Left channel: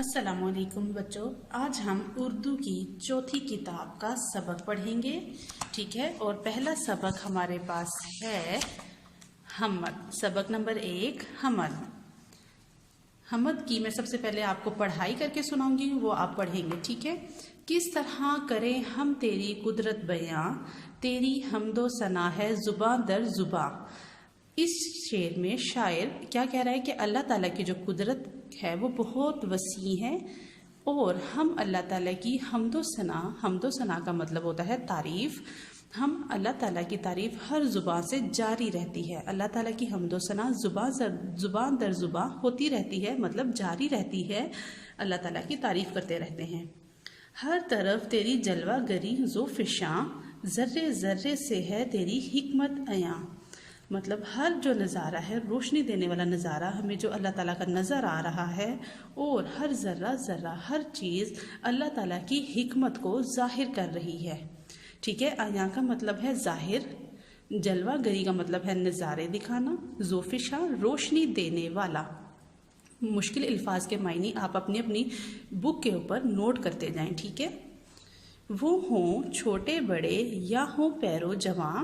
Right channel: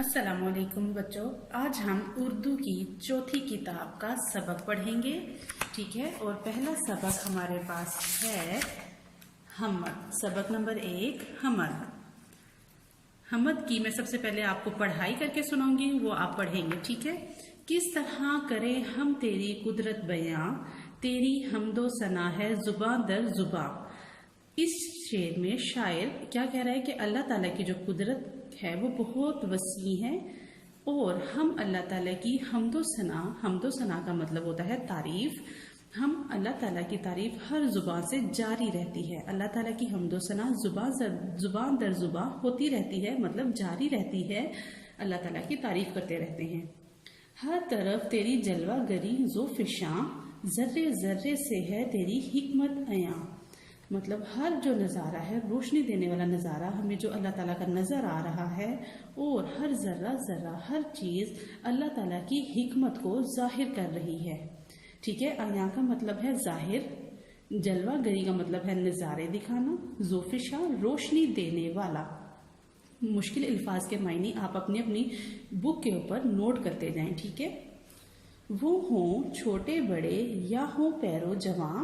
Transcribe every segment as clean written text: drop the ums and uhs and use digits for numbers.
अस्सलाम वालेकुम बच्चों, आज हम उर्दू की चौथी किताब का सबक पढ़ेंगे। ठीक है, और पहला सबक हमारे पास है हमद। सबक नंबर 1 हमद। हमद की मैं सबसे पहले आपको पढ़ाई करके सुनाऊंगी, वो आप पढ़ेंगे। ठीक है। किस तरह करें हम तेरी कुदरत बयां, तेरी हमदो सना है जुबां दर जुबां। इस शेर में शायर क्या कह रहा है कि अल्लाह ताला की जो कुदरत है वो बहुत वसी है और हम अल्लाह ताला की हमदो सना का मतलब होता है तारीफ। हम अल्लाह ताला की तारीफ हर जुबान से जारी रहती है। अल्लाह ताला की हमदो सना जुबान दर जुबान होती रहती है, मतलब जारी रहती है। अल्लाह ताला की तारीफ करते रहते हैं। हर तरफ तेरी जलवा गरी जो फिशां, जर्रे जर्रे से है तेरी हिकमत अयां। मतलब हर जो नज़ारा है, रोशनी देने वाला नज़ारा हमें जो अल्लाह ताला का नज़र आ रहा है, और हर ज़र्रा ज़र्रा हर चीज़ अल्लाह ताला की हिकमत को जाहिर कर रही है। ठीक है। आया का मतलब है जाहिर, जलवा गरी का मतलब है नज़ारे दिखाना, ज़ोफिशा रोशनी देने वाला। मुश्किल अल्फाज के मायने आप अपनी अपनी बुक के ऊपर नोट करते जाएं। ठीक है। वो हों छोटे बड़े या हों पैरो जवां,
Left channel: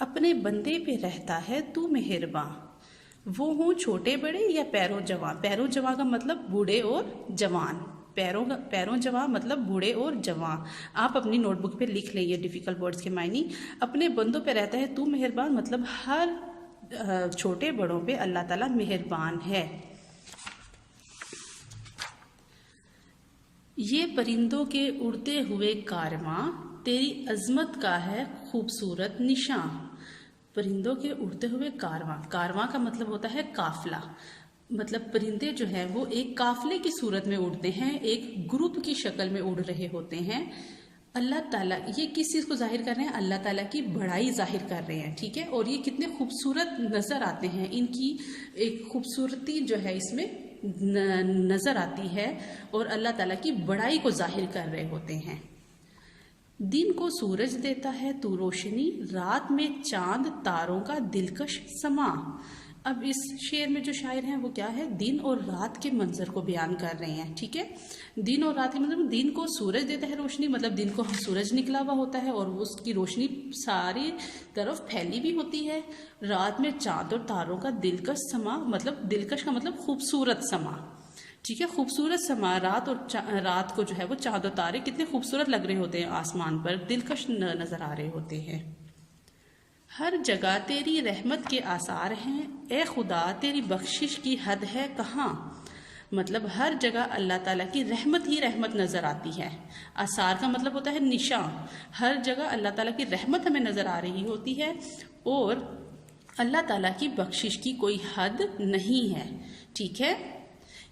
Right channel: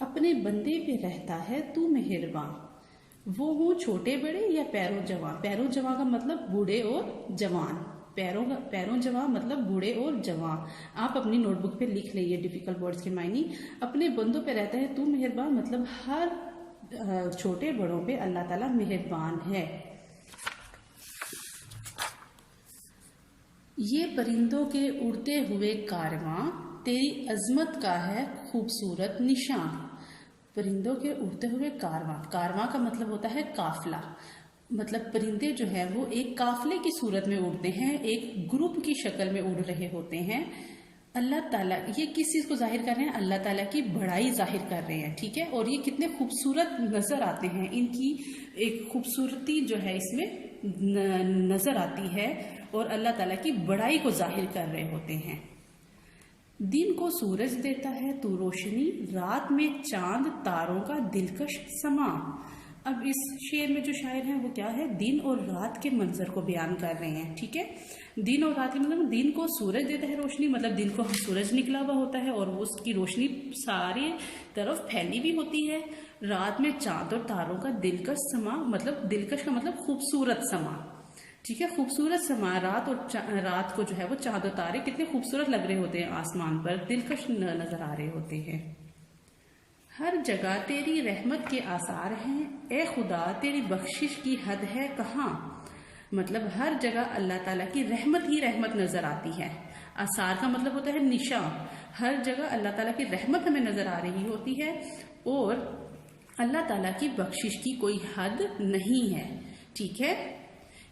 अपने बंदे पे रहता है तू मेहरबान। वो हों छोटे बड़े या पैरों जवां। पैरों जवां का मतलब बूढ़े और जवान। पैरों जवां मतलब बूढ़े और जवां। आप अपनी नोटबुक पे लिख लेंगे डिफिकल्ट वर्ड्स के मायने। अपने बंदों पे रहता है तू मेहरबान, मतलब हर छोटे बड़ों पे अल्लाह ताला मेहरबान है। ये परिंदों के उड़ते हुए कारवां, तेरी अजमत का है खूबसूरत निशान। परिंदों के उड़ते हुए कारवां का मतलब होता है काफिला। मतलब परिंदे जो है वो एक काफिले की सूरत में उड़ते हैं, एक ग्रुप की शक्ल में उड़ रहे होते हैं। अल्लाह ताला ये किस चीज़ को जाहिर कर रहे हैं? अल्लाह ताला की बड़ाई जाहिर कर रहे हैं। ठीक है। और ये कितने खूबसूरत नज़र आते हैं, इनकी एक खूबसूरती जो है इसमें नज़र आती है और अल्लाह ताला की बड़ाई को जाहिर कर रहे होते हैं। दिन को सूरज देता है तू रोशनी, रात में चांद तारों का दिलकश समा। अब इस शेर में जो शायर हैं वो क्या है, दिन और रात के मंजर को बयान कर रहे हैं। ठीक है। दिन और रात के मतलब दिन को सूरज देता है रोशनी, मतलब दिन को सूरज निकला हुआ होता है और उसकी रोशनी सारी तरफ फैली भी होती है। रात में चांद और तारों का दिलकश समा, मतलब दिलकश का मतलब खूबसूरत समा। ठीक है। खूबसूरत समा, रात को जो है वो चांद और तारे कितने खूबसूरत लग रहे होते हैं, आसमान पर दिलकश नजर आ रहे होते हैं। हर जगह तेरी रहमत के आसार हैं, ए खुदा तेरी बख्शिश की हद है कहाँ। मतलब हर जगह अल्लाह ताला की रहमत ही रहमत नजर आती है। आसार का मतलब होता है निशान। हर जगह अल्लाह ताला की रहमत हमें नजर आ रही होती है और अल्लाह ताला की बख्शिश की कोई हद नहीं है। ठीक है।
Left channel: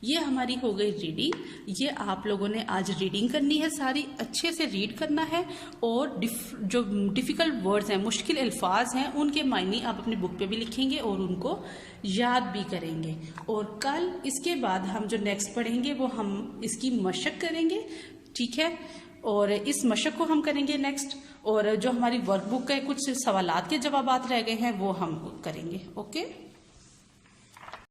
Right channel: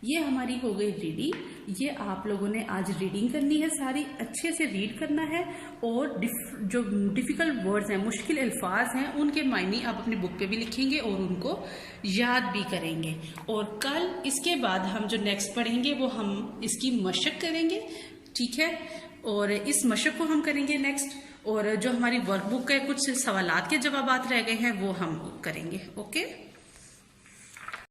ये हमारी हो गई रीडिंग। ये आप लोगों ने आज रीडिंग करनी है, सारी अच्छे से रीड करना है और जो डिफिकल्ट वर्ड्स हैं, मुश्किल अल्फाज हैं, उनके मायने आप अपनी बुक पे भी लिखेंगे और उनको याद भी करेंगे। और कल इसके बाद हम जो नेक्स्ट पढ़ेंगे वो हम इसकी मशक करेंगे। ठीक है। और इस मशक को हम करेंगे नेक्स्ट, और जो हमारी वर्कबुक के कुछ सवालात के जवाबात रह गए हैं वो हम करेंगे। ओके।